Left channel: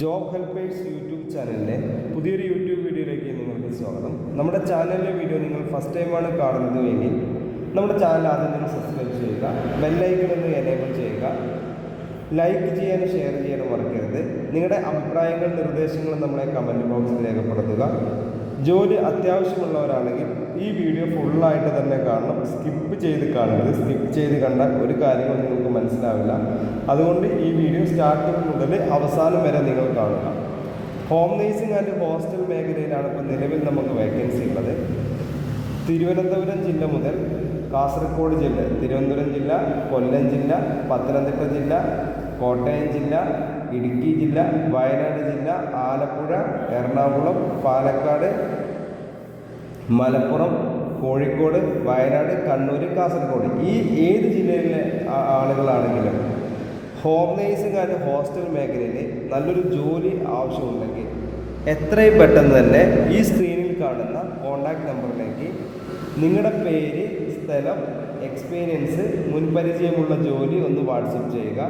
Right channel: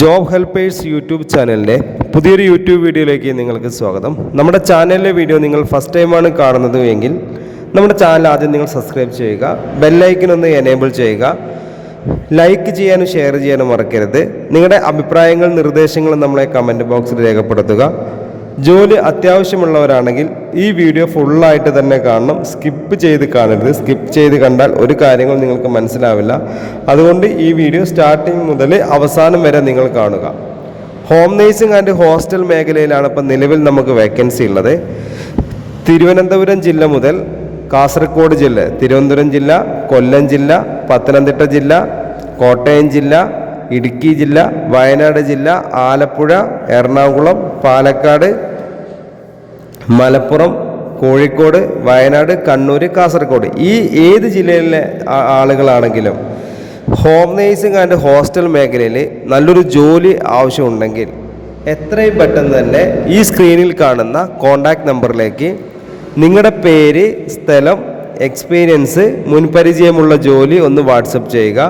Job helpers YouTube ചാനലിൻ്റെ പുതിയൊരു YouTube വീഡിയോയിലേക്ക് നിങ്ങൾക്ക് സ്വാഗതം. നമ്മുടെ ചാനലിലെ വീഡിയോ നിങ്ങൾ ഫസ്റ്റ് ടൈമാണ് കാണുന്നത് എങ്കിൽ നമ്മുടെ ചാനൽ ആദ്യം നിങ്ങൾ സബ്സ്ക്രൈബ് ചെയ്യുക, ബെല്ലൈക്കൻ ഒന്ന് എനേബിൾ ചെയ്യുക, ലൈക്ക് ചെയ്യാനും ഷെയർ ചെയ്യാനും മറക്കരുത്. നിങ്ങളുടെ അഭിപ്രായങ്ങൾ നിർദ്ദേശങ്ങളും നമ്മളെ കമൻറ്റ് ബോക്സിൽ രേഖപ്പെടുത്തുക. ജോലി അത്യാവശ്യമുള്ളവരാണെങ്കിൽ ഈ വീഡിയോ ഫുള്ളായിട്ട് തന്നെ കാണണം, സ്കിപ്പ് ചെയ്ത് കാണരുത്. സ്കിപ്പ് ചെയ്ത് കണ്ടാൽ ഒരു കാര്യങ്ങൾ നിങ്ങൾക്ക് മനസ്സിലാവില്ല. അതുകൊണ്ട് ഈ വീഡിയോ സ്റ്റാർട്ടിങ് മുതൽ അവസാനം വരെ നിങ്ങൾ കാണുക. ഹോം നേഴ്സിംഗ് ആൻഡ് ഹോസ്റ്റൽ മേഖലയിലാണ് ഇപ്പം നിലവിൽ നമുക്ക് വേക്കൻസി ഉള്ളത്. തിരുവനന്തപുരം ജില്ല മുതൽ കാസർഗോഡ് ജില്ല, തിരുവനന്തപുരം ജില്ല, കൊല്ലം ജില്ല, പത്തനംതിട്ട ജില്ല, കോട്ടയം ജില്ല, ഇടുക്കി ജില്ല, വയനാട് ജില്ല, ആലപ്പുഴ, എറണാകുളം, പാലക്കാട്, മലപ്പുറം, കോഴിക്കോട്, വയനാട്, കണ്ണൂർ, കാസർഗോഡ്, ഈ ഏത് ജില്ലയിലെ ആളുകളാണെങ്കിലും ഹോം നേഴ്സിംഗ് ആൻഡ് ഹോസ്റ്റൽ മേഖലയിൽ നല്ലൊരു ജോലി ആവശ്യമുണ്ടെങ്കിൽ എത്രയും പെട്ടെന്ന് തന്നെ ഈ സ്ക്രീനിൽ കാണുന്ന കോൺടാക്റ്റ് നമ്പറിലേക്ക് നിങ്ങളുടെ പേര്, സ്ഥലം, എക്സ്പീരിയൻസ്, മുൻപരിചയമുള്ള ജോലി ഒന്ന് വാട്സപ്പ് ചെയ്യുക.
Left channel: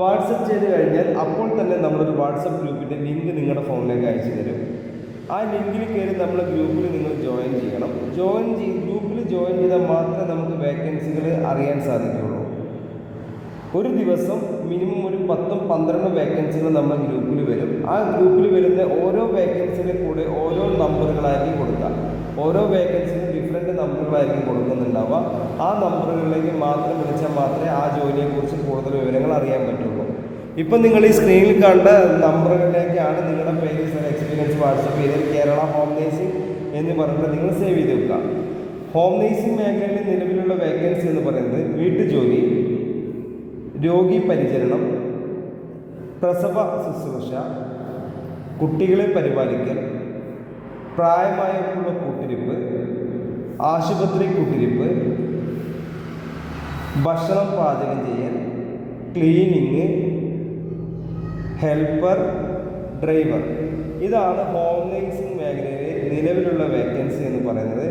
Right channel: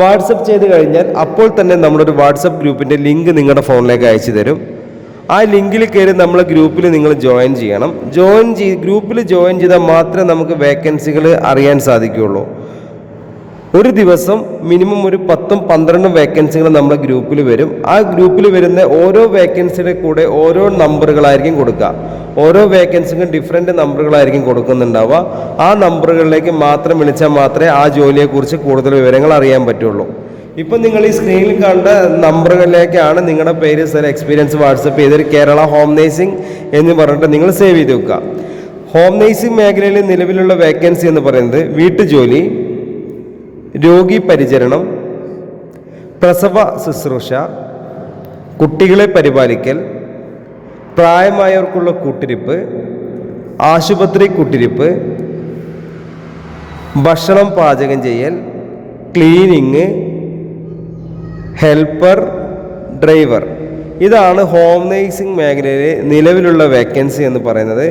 വാട്സപ്പ് ചെയ്ത് കഴിഞ്ഞാൽ അപ്പോൾ തന്നെ നമ്മളൊരു വാട്സപ്പ് ഗ്രൂപ്പിൻ്റെ ലിങ്ക് നിങ്ങളുടെ ഫോണിലേക്ക് അയച്ചു തരും. ആ ലിങ്കിൽ കയറി നമ്മളെ ഗ്രൂപ്പിൽ നിങ്ങൾ ജോയിൻ ചെയ്യണം. ഗ്രൂപ്പിൽ ജോയിൻ ചെയ്താൽ മാത്രമേ നമുക്ക് വേക്കൻസികൾ അറിയാൻ സാധിക്കുകയുള്ളൂ. ഒരു ദിവസം മിനിമം ഒരു 10-12 വേക്കൻസികൾ നമ്മുടെ ഗ്രൂപ്പിൽ വരും. ആ ഗ്രൂപ്പിൽ വരുന്ന ഓരോ വേക്കൻസിയുടെ കൂടെ ഓരോ നമ്പറുകളായിരിക്കും കൊടുക്കുക. ഓരോ വേക്കൻസിക്കും ഡിഫറെൻ്റ് നമ്പറുകളായിരിക്കും കൊടുക്കുന്നുണ്ടാവുക. ആ നമ്പറുകളിലേക്ക് മാത്രം വിളിച്ചാൽ മാത്രമേ ആ ജോലിയെക്കുറിച്ച് കൂടുതൽ വിവരങ്ങൾ അറിയാൻ പറ്റുള്ളൂ. ഇപ്പം നിങ്ങൾ ഈ സ്ക്രീനിൽ കണ്ട നമ്പറുകളിലേക്കാണ് നിങ്ങളുടെ പേര്, സ്ഥലം, എക്സ്പീരിയൻസ് വാട്സപ്പ് ചെയ്തൊരു കേരള ഹോം നേഴ്സിംഗ് എന്ന് പറഞ്ഞിട്ട് നിങ്ങൾ സേവ് ചെയ്ത് വെക്കുക. ഹോം നേഴ്സിംഗ് മേഖലയിൽ നിലവിലുള്ള വേക്കൻസി എന്ന് പറയുന്നത് വീട്ടുജോലി, രോഗി പരിചരണം, പ്രസവ ശുശ്രൂഷ, കുട്ടികളെ പരിപാലിക്കൽ, പ്രായമായവർക്കുള്ള കൂട്ടിരിപ്പ്, ആശുപത്രി കൂട്ടിരിപ്പ്, ഭക്ഷണം പാചകം ചെയ്യൽ, ക്ലീനിങ്, ഹെൽപ്പർ, ഡ്രൈവർ. ഇതാണ് ഹോം നേഴ്സിംഗ് മേഖലയിലെ നിലവിലുള്ള വേക്കൻസി എന്ന് പറയുന്നത്.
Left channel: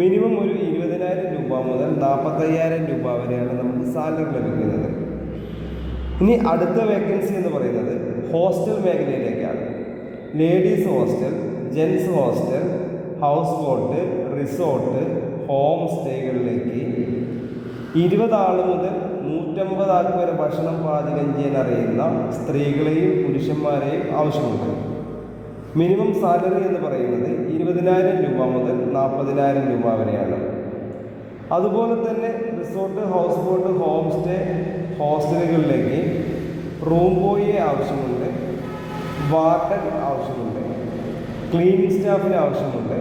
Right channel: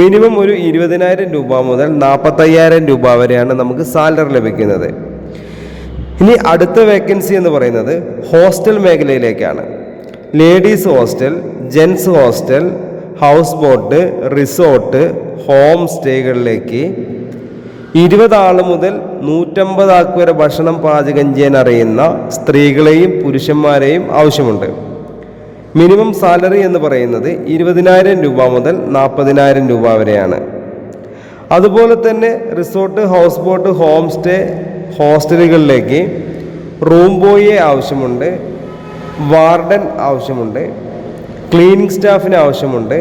മിനിമം ഒരു 20,000 രൂപ മുതൽ 45,000 രൂപ വരെയാണ് നമുക്ക് സാലറി ലഭിക്കുന്നത്. ഇനി അടുത്ത വേക്കൻസി എന്ന് പറയുന്നത് ഹോസ്റ്റൽ മേഖലയിലേക്കാണ്. Ladies hostel, gents hostel, house boat, resort, home സ്റ്റേകളിലേക്ക് 20 ആൾ മുതൽ 150 ആൾക്ക് വരെ ഭക്ഷണം പാചകം ചെയ്യാൻ അറിയുന്ന സ്ത്രീകളെയും പുരുഷന്മാരെയും ആവശ്യമുണ്ട്. മിനിമം സാലറി എന്ന് പറയുന്നത് 20,000 രൂപ മുതൽ 40,000 രൂപ വരെയാണ്. അതുപോലെ തന്നെ resort, house boat, home stay, ഹോസ്റ്റലുകളിലേക്ക് റൂം ബോയിയെ ആവശ്യമുണ്ട്, വാർഡൻ ആവശ്യമുണ്ട്, ക്ലീനിങ് സ്റ്റാഫിന് ആവശ്യമുണ്ട്,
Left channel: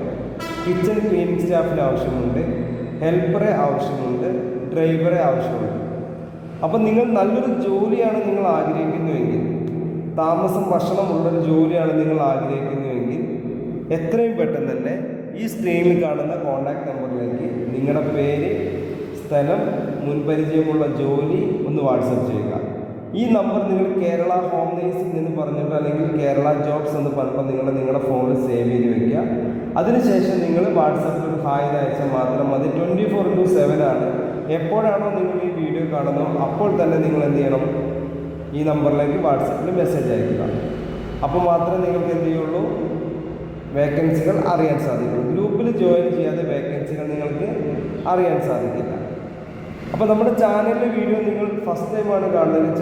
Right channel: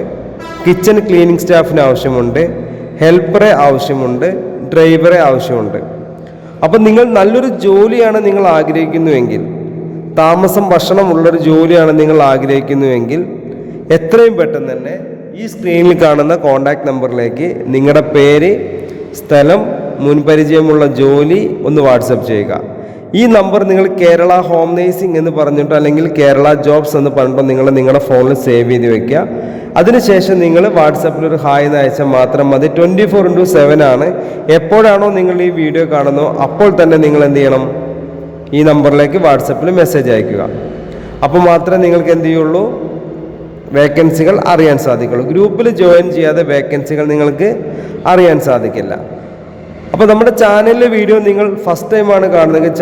കിച്ചൺ ക്ലീനിങ് സ്റ്റാഫിന് ആവശ്യമുണ്ട്, ഹെൽപ്പറെ ആവശ്യമുണ്ട്, ഡ്രൈവറെ ആവശ്യമുണ്ട്. അപ്പം നിങ്ങൾ നല്ലൊരു ജോലിയാണ് നിങ്ങൾ ആഗ്രഹിക്കുന്നുവെങ്കിൽ, താമസം ഭക്ഷണം ഉള്ളൊരു ജോലിയാണ് നിങ്ങൾ ആഗ്രഹിക്കുന്നുവെങ്കിൽ എത്രയും പെട്ടെന്ന് തന്നെ ഈ സ്ക്രീനിൽ കാണുന്ന കോൺടാക്റ്റ് നമ്പറിലേക്ക് നിങ്ങളുടെ പേര്, സ്ഥലം, മുൻപരിചയമുള്ള ജോലി ഒന്ന് വാട്സപ്പ് ചെയ്യുക. ഈ നമ്പർ നിങ്ങൾ കേരള ഹോം നേഴ്സിംഗ് എന്ന് പറഞ്ഞിട്ടോ അല്ലെങ്കിൽ കേരള ജോബ്സ് എന്ന് പറഞ്ഞിട്ടോ നിങ്ങളുടെ ഫോണിൽ സേവ് ചെയ്ത് വെക്കുക. അതിനുശേഷം നിങ്ങൾ വാട്സപ്പിൽ ഒരു ഹായ് എന്ന് അയച്ചാൽ മാത്രം മതി. 24/7 ആണ്. എപ്പോഴാണോ നിങ്ങൾ ഈ വീഡിയോ കാണുന്നോ അപ്പോൾ തന്നെ നിങ്ങൾ എന്ത് ചെയ്യണം, ഈ നമ്പറിലേക്ക് വാട്സപ്പിൽ മെസ്സേജ് അയക്കുക. അപ്പോൾ മാത്രമേ നിങ്ങൾക്ക് എന്ത് ചെയ്യുള്ളൂ, വേക്കൻസികൾ അറിയാൻ സാധിക്കുള്ളൂ. ഗ്രൂപ്പിൽ ജോയിൻ ചെയ്യാതെ വേക്കൻസികൾ നിങ്ങൾക്ക് അറിയാൻ സാധിക്കില്ല. അപ്പോൾ നമ്മുടെ ചാനലിലെ വീഡിയോ നിങ്ങൾ ഫസ്റ്റ് ടൈമാണ് കാണുന്നതെങ്കിൽ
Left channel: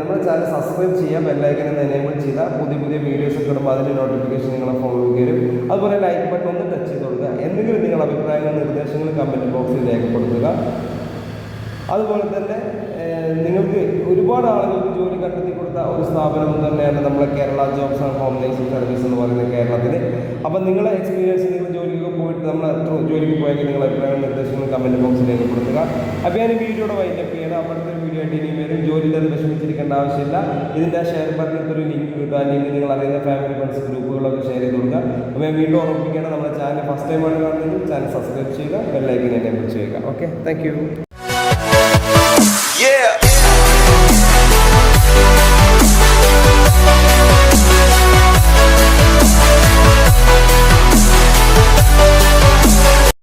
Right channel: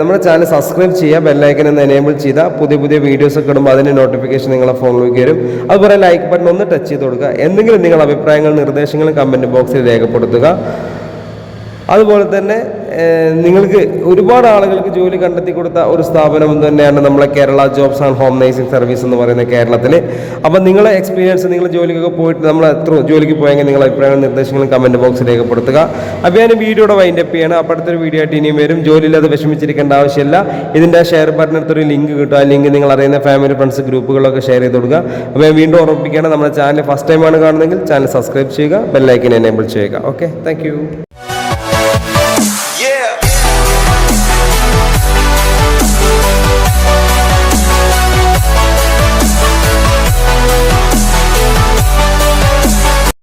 നമ്മുടെ ചാനൽ സബ്സ്ക്രൈബ് ചെയ്യുക, ബെല്ലൈക്കൻ എന്ന് എനേബിൾ ചെയ്താൽ പുതിയ പുതിയ വീഡിയോസ് ഒക്കെ ഇടുമ്പോൾ അതിൻ്റെ നോട്ടിഫിക്കേഷൻ നിങ്ങളുടെ ഫോണിലേക്ക് വരും. അതുപോലെ ലൈക്ക് ബട്ടൺ ഒന്ന് ടച്ച് ചെയ്ത് കൊടുക്കുക. എന്തെങ്കിലും നിങ്ങളുടെ അഭിപ്രായങ്ങൾ, നിർദ്ദേശങ്ങൾ കമൻറ്റ് ബോക്സിൽ രേഖപ്പെടുത്തുക. അതുപോലെ തന്നെ നിങ്ങൾക്ക് ഒരുപാട് ആളുകൾക്ക് ജോലി കണ്ടെത്തി കൊടുത്ത ഒരു സ്ഥാപനം തന്നെയാണ് നമ്മളെ Kerala jobs and home nursing service എന്ന് പറയുന്നത് കേരളത്തിൽ. അപ്പം നിങ്ങളെ എക്സ്പീരിയൻസ്, നിങ്ങൾ ജോലിക്കൊക്കെ പോയിട്ട് നമ്മൾ എത്ര ജോലിക്ക് പോയെങ്കിൽ നിങ്ങളുടെ അഭിപ്രായങ്ങളും നിർദ്ദേശങ്ങളും കമൻറ്റ് ബോക്സിൽ രേഖപ്പെടുത്തുക. അപ്പോൾ ഞാൻ വീഡിയോയുടെ വൈൻഡപ്പ് ചെയ്യണം. അപ്പോൾ അടുത്തൊരു വീഡിയോ ആയിട്ട് ഇനിയും വരും. ജോലിയില്ലാതെ വിഷമിച്ചിരിക്കേണ്ട ആവശ്യമില്ല. ഇതിൻ്റെ ഷെയർ ബട്ടണിനടുത്തൊരു ലിങ്ക് കിട്ടും. ആ ലിങ്ക് നിങ്ങൾ അറിയുന്ന ഫാമിലി, ഫ്രണ്ട്സ്, ഗ്രൂപ്പുകളൊക്കെ ഷെയർ ചെയ്ത് കൊടുക്കുക. അപ്പോൾ ഞാൻ വീണ്ടും ഓർമ്മിപ്പിക്കുകയാണ്, നമ്മുടെ ചാനൽ ഫസ്റ്റ് ടൈമാണ് കാണുന്നതെങ്കിൽ ചാനൽ സബ്സ്ക്രൈബ് ചെയ്യുക, ബെല്ലൈക്കൻ എനേബിൾ ചെയ്യുക. Okay, thank you.